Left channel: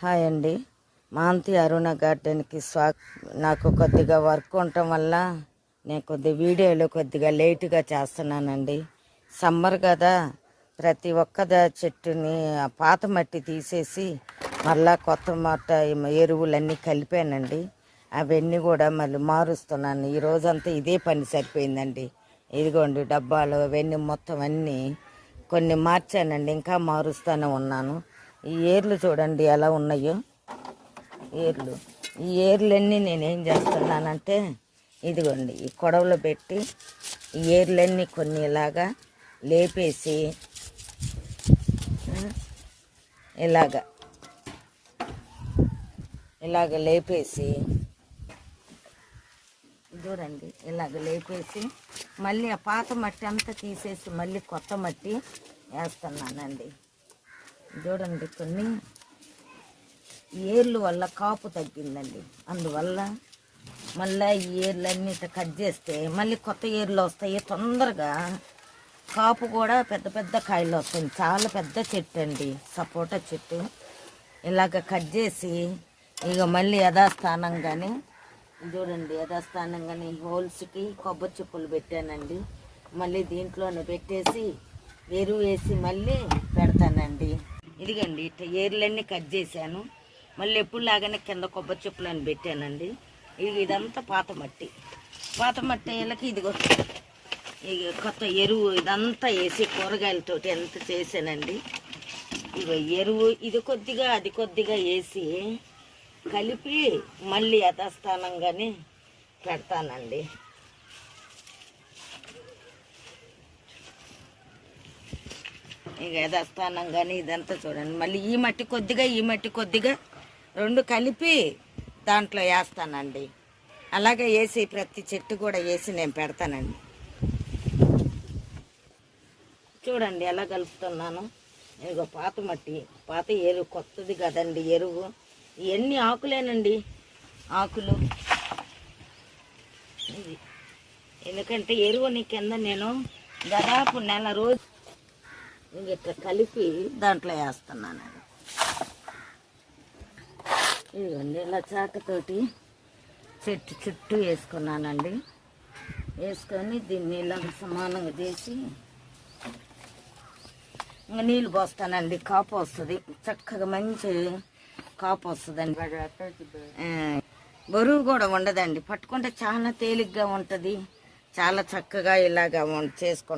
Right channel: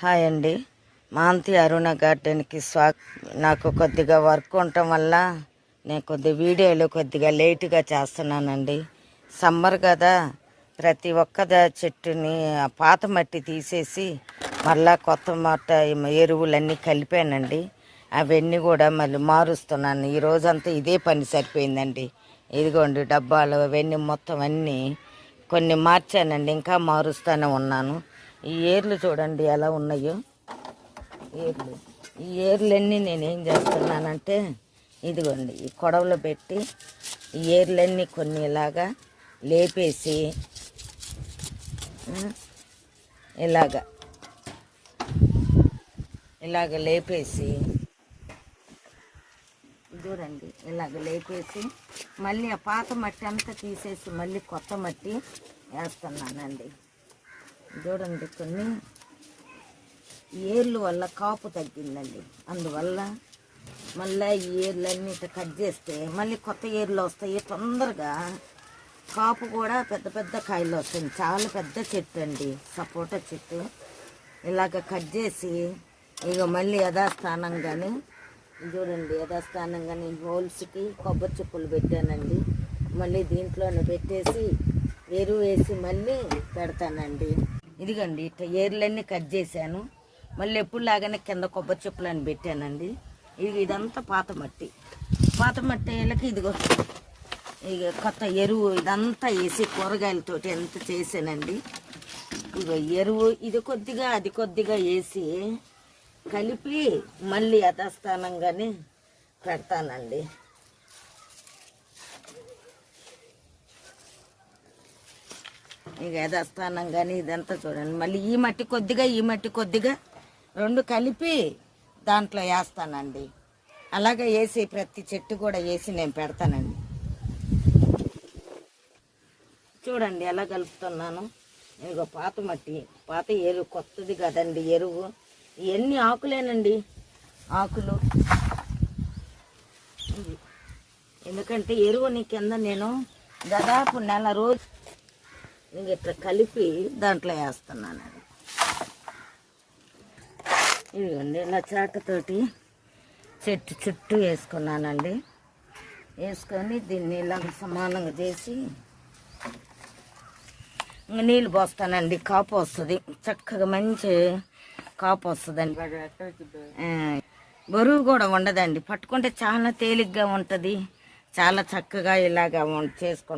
Hi అండి. మాంతి అరుణ గార్డెన్కి నాకు కొద్దిగా వర్క్ ఉండటం వల్ల నేను కొద్దిగా వీడియోలు కొద్దిగా లేటుగా చేస్తున్నానండి. సమ్మర్ కదా, ప్రతి ఒక్క చెట్టుని పాత మట్టి తీసేసి మళ్ళా కొత్త మట్ట ఎరువులన్నీ కలిపానండి. అవన్నీ కూడా మళ్ళీ మారుస్తున్నాను. ఈ రోజంతా ఇదే పని సరిపోయిందండి. ఇదిగోండి డబ్బాలు అవన్నీ మొత్తం అన్నీ కొన్ని మార్చానండి, ఇంకా మారుస్తూనే ఉన్నాను. ఈ ఏర్లు చూడండి ఎలా ఉన్నాయో. ఈ ఏర్లన్నీ నేనేం చేస్తున్నానంటే ఇదిగోండి ఈ కొడవలో పెట్టి ఈ ఏర్లన్నీ కొన్ని ఇలాగా లేపేసి ఇలాగ లేపేసి చూడండి, ఇలాగ లేపేసి మళ్ళీ ఆ పాత మట్టి అంతా తీసేసి మళ్ళీ కొత్త మట్టి వేస్తున్నానండి. చూడండి, కొన్ని ఏర్లు వల్ల కాపు తగ్గిందండి. అందువల్ల మళ్ళీ ఈ ఏర్లన్నీ కట్ చేస్తే మళ్ళీ కొత్త ఏర్లు వస్తాయి. తొందరగా కాపు కూడా పెద్ద పెద్ద కాయలు వస్తుంది. చాలా పెద్ద చెట్టు అండి, సపోటా చెట్టు. ఇలాగ కట్ చేసి ఇక మళ్ళీ యథాస్థానంగానే చూడండి, యథాస్థానంగానే హోల్స్కి కొబ్బరి చెప్పులు పెట్టానండి. మళ్ళీ దీంట్లోనే పెట్టేసి ఎరువు వేసి మళ్ళీ పెడతానండి. ఇదిగోండి ఇట్లా ఏర్లన్నీ కట్ చేశాను. మళ్ళీ ఎప్పుడులాగానే కింద కొబ్బరి చెప్పులని పెట్టానండి. ఇదంతా పాత మట్టి వేళ్ళకి ఇదిగో ఇక కొత్త ఎరువు ఇదంతా వేసి కూరగాయలతోటి ఎంత చేశానండి. ఇక ఎరువు ఇది కొద్దిగా అది కొద్దిగా వేసి కలిపి మళ్ళీ యథాస్థానంగానే పెడతానండి. ఇక యథాస్థానంగానే ఇదంతా చూడండి. మళ్ళీ ఈ మట్టి కొద్దిగా రెండు కలిపి దాంట్లో వేస్తానండి. అలాగే వేసి ప్రతి చెట్టు కూడా వేసి నేను పెడతానండి. చూడండి ఎలా కలుపుతున్నాను. ఇక పాత మట్టి, పాత ఎరువు, కొత్తది కదండి ఎరువు. ఇవన్నీ ఆకులేనండి, ఆకులు. ఎందుకంటే ఎరువుని కింద నేను దాదాపు నెల రోజు ఇట్లా కలిపి దాంట్లో వేస్తున్నాను. ఇదిగోండి ఇలా చాటతోటి చెట్టు చుట్టూ వేసుకున్నానండి. వేసుకొని దీన్ని ఇలా సమానంగా చేసి నీళ్ళు పోస్తానండి. కాపు వస్తుంది, చక్కగా మంచి కాపు వస్తుందండి. బరువు కూడా ఉండదండి, పట్టుకుంటే చాలా తేలిగ్గా ఉంటుంది. చాలా చక్కగా ఇలాగా చేసుకుంటాం.